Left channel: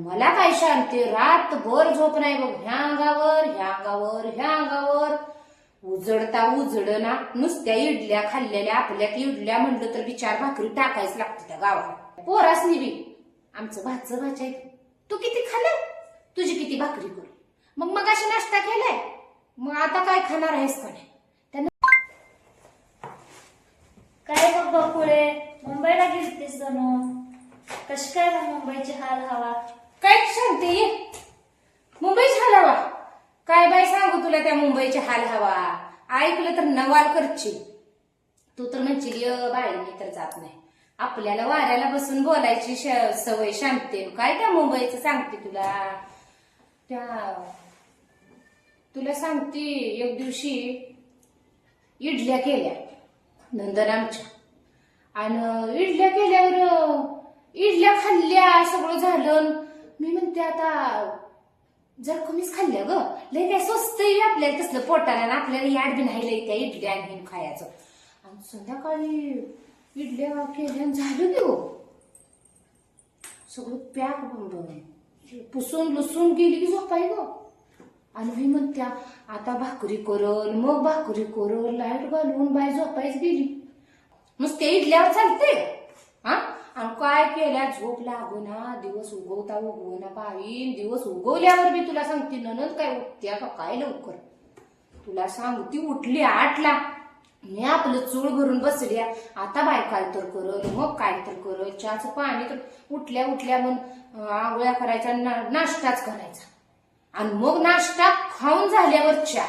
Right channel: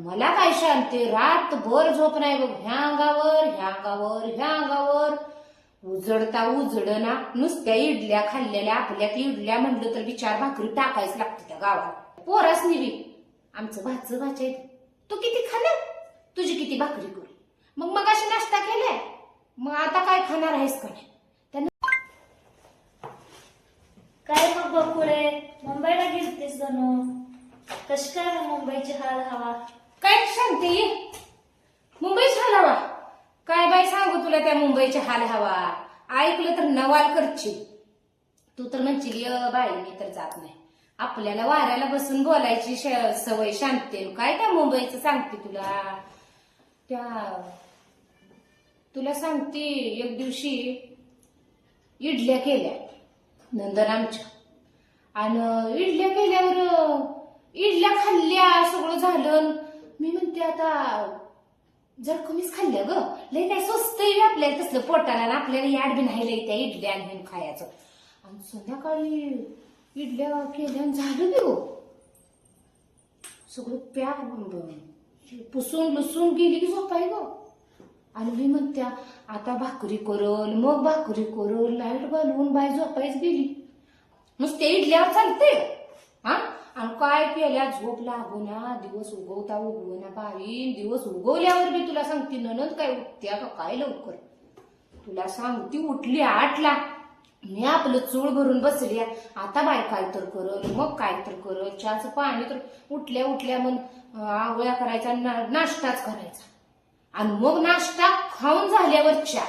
मला काय शांती, रातभर झोप नाही बघ. ह्या अंगावर ह्या अंगावर ह्या अंगावर, उजडता उजडना. नुसत्या इडल्या खाल्लेल्या, आपल्यात इडल्या म्हणलं तर 4 भाकरी टाकायच लागते त्या गावाला. पोरासनी बी आमचं भाचं भाच्या. तू किती खाल्लं, तुझी किती भाकरी करू. मग अशी नाश्ता केलाय, मग आता काय खाणार आहेस काय? काय मग बकुळे, मुंबईला गेलतीस जणू. कशी काय मग मुंबईची हाल हवा? काय सांगते मुंबईची हाल हवा? काय बाई सांगू तुला त्या मुंबईची हाल हवा. ऐकलं तर नवाल करशील. तू तर म्हणशील बाई मी तर जात नाही. आपल्याला वाऱ्याला बसून बोलायची सवय शांती. काय त्या मुंबईचं सांगते तुला सांगते. एक दिवशी इडल्या केल्या नंदन आमच्या, आणि इडल्या केल्यावर इडल्या खाल्ल्या, सगळं झालं. मी म्हणते आता जर कमीच खाल्ल्या ग, लय काय स्वस्त आपल्याला तसलं पोटाला, आणि आपल्याला याड बी नाही लय त्या इडल्या आणि खायचं. आणि संध्याकाळी इडल्या केल्या झालं की हो, सगळं पॅक पुसून लुसून गेली झोपाय ग. आणि मी म्हणत्या आता भाकरी करल, मग भाकरी करल, लाईट घालवून बाय झोपायच गेली. नुसते इडल्यावर चालते हा. आणि काय केल्या, झोप लागूना, दिवस उगवता उगवना बाई. दिवस उगवल्यावर मी तुला सांगते ननद काय उठत्या का काय लवकर. तुला सांगती उठली 8ला, मी आपलं चूळ भरून बसल्या. आता बाय काय तर करल, मग काय तर करल. चहाचं पाणी तर उठल्या मग आंघोळ्या करायचा, नाश्ताच करायचा. आणि मग नाश्ता खाऊन झाल्यावर चहा.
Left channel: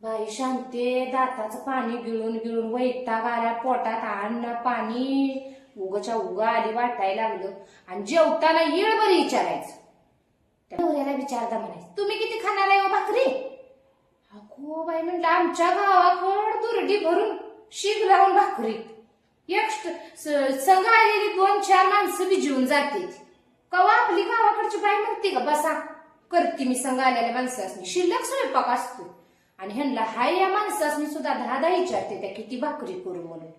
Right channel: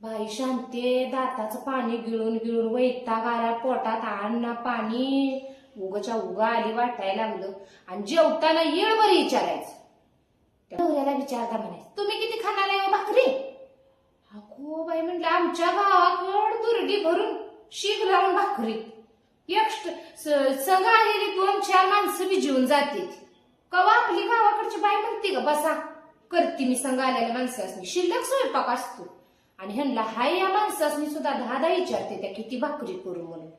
बाई शांते, दाताचं पाणी गिळून गिळून वैताग आला पोटात. अन्न पाणी उगच्या उगा आली वाटायला लागलं. आणि जेवताना येळभर विचारायचं. त्या नवऱ्याला विचारता म्हणायचं तुम्ही किती खाणार आहे भाकरी. अगो बाई म्हणलं आमच्या गावाकड दुर्डी भरून शीग लावून भाकरी. एक संघ आलेली 2-4 माणसं बी जेवून जाते. कवा आपली गावाकडची बाई म्हणते का बसा करते मी संघ आलेल्या माणसासनी. शिल्लक स्वयंपाक असतो. आणि ह्यांना हाय या माणसासनी सुद्धा 10 विचारते त्या किती भाकरी करू म्हणून.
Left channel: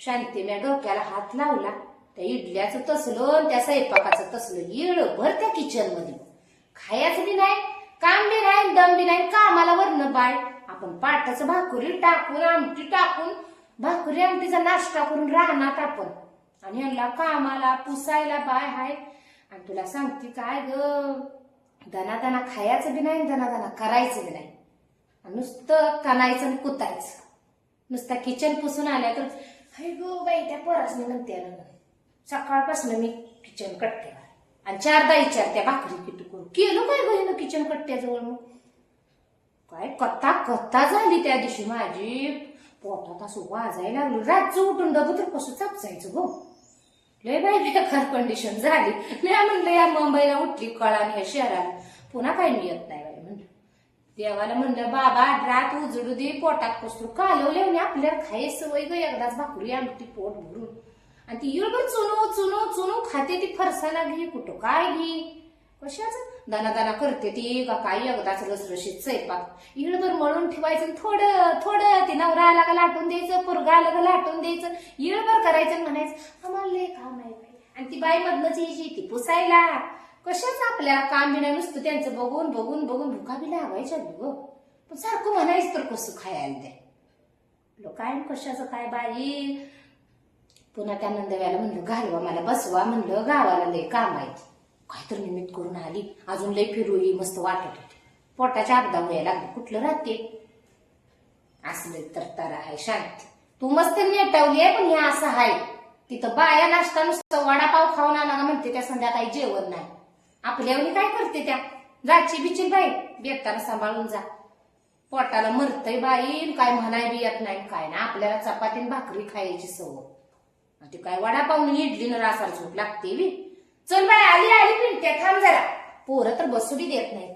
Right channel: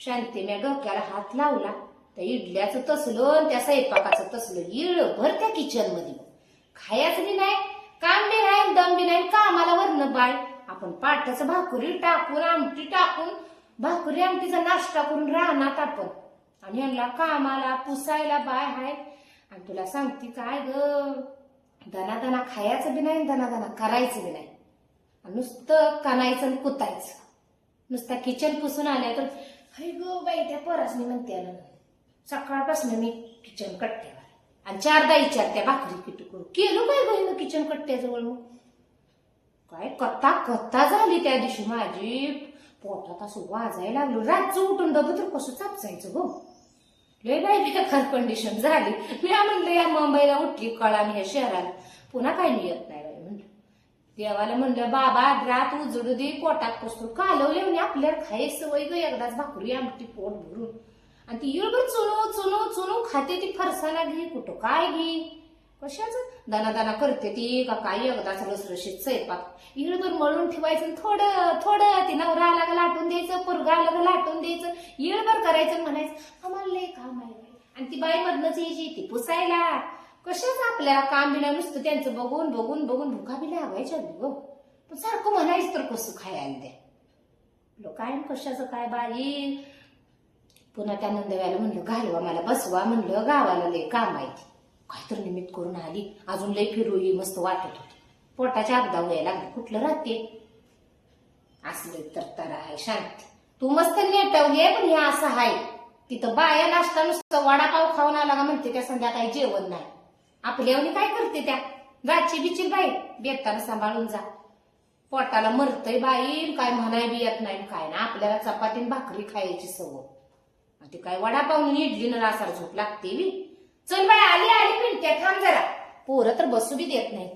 शांती मी डोक्याला हात लावला. त्या इडल्याचं तसलं, त्या स्वयंपाकाचं तसलं, येळभर त्या किचन मध्ये. खायचं बी नाही, काम बी नाही, दम बी नाही. कामाला वरण बाय आपण पाटाचं भाकरी टाकून, आमटी टाकून, भाकरी आमटीचा नाश्ता करून राहणार आपण. आणि ह्यांना कामाला पुसायला बाय हाय. आणि तुला सांगते काय ग, दनादना खायचं बी नाही, दनादना करायचं बी नाही. नुसतं कानायचं आणि कुतायचं. नुसता किचन पुसून आल्या तर अरे गो बाई त्या पोरासनी म्हणते सकाळपासून मी किचन कट्ट्यावर. आणि 4दा विचारत्या भाकरी किती करू. केलं काय बहिण किचन कट्ट्याजवळ. मग काय कत्ता झाली त्या दिवशी माझी. पोटात असं वाजायला लागलो. रातचं उठून बघ तर कसं चापसायचं गो. लय बाई बेकार कंडिशन झाली. मी म्हणलं या मुंबईला उठली कळा ह्या शहराला पुन्हा काही मी येत नाही बाई म्हणलं. देवाला म्हणलं बाबा रात उजडू दे, पोटात कसं कालवले म्हणे आपल्याला खायची सवय ग. एकदाच भाकरी आमटी पोट भरून. आणि ती येळभर चुनू खाते. ती फरसाना घे कुठं काय घे कशाच दाना करते ती का काय. एकदाच रसरशीत स्वयंपाक येळभर मळून ठेवायचं. थोडं ते नवरा आला का लाटून द्यायचं, पोरगा आला का लाटून द्यायचं. येळभर करायचं म्हणायचं आम्हाला लय काम आहे. आणि ती बाई मधनच यायची ती पुसायला. कशाच आपल्याला काम बी नाही, नुसतं त्यांचं बघून भुका बी लागायच्या ग. पण सारखं म्हणायचं तर कसं खायला द्या काय कशाचं काय बाई. पुन्हा त्या नंदव्याला म्हणलं घालवा मला बसवा म्हणलं, गावाला लय काम आहे. काहीतरी निमित्त करून आली. अजून लय फिरूई मस्त वाटत होती. पोटाच्या अपदा व्हायला लागली. कुठलं राहते असलं तर आहे शांती. तू मस्त नेटवली आहे. पण हे असं आहे तिथं बाया नाश्ता नुसतं वडापाव खाऊन आला का म्हणते त्या संध्याकाळी जेवण नाही. आपल्यावनी काय करते त्या गाची बिची बाई बेताना सांभाळून जा. पोटाला मरतय बाई. काय म्हणाय बी येत नाही काय ना. आपल्याला चपाती भाकरी खायची सवय. ती काय वडापाव इडली न रासार झोप लागते. चल बाई आली पिंटते थांब जरा. पोरं तर बसू बी देत नाही.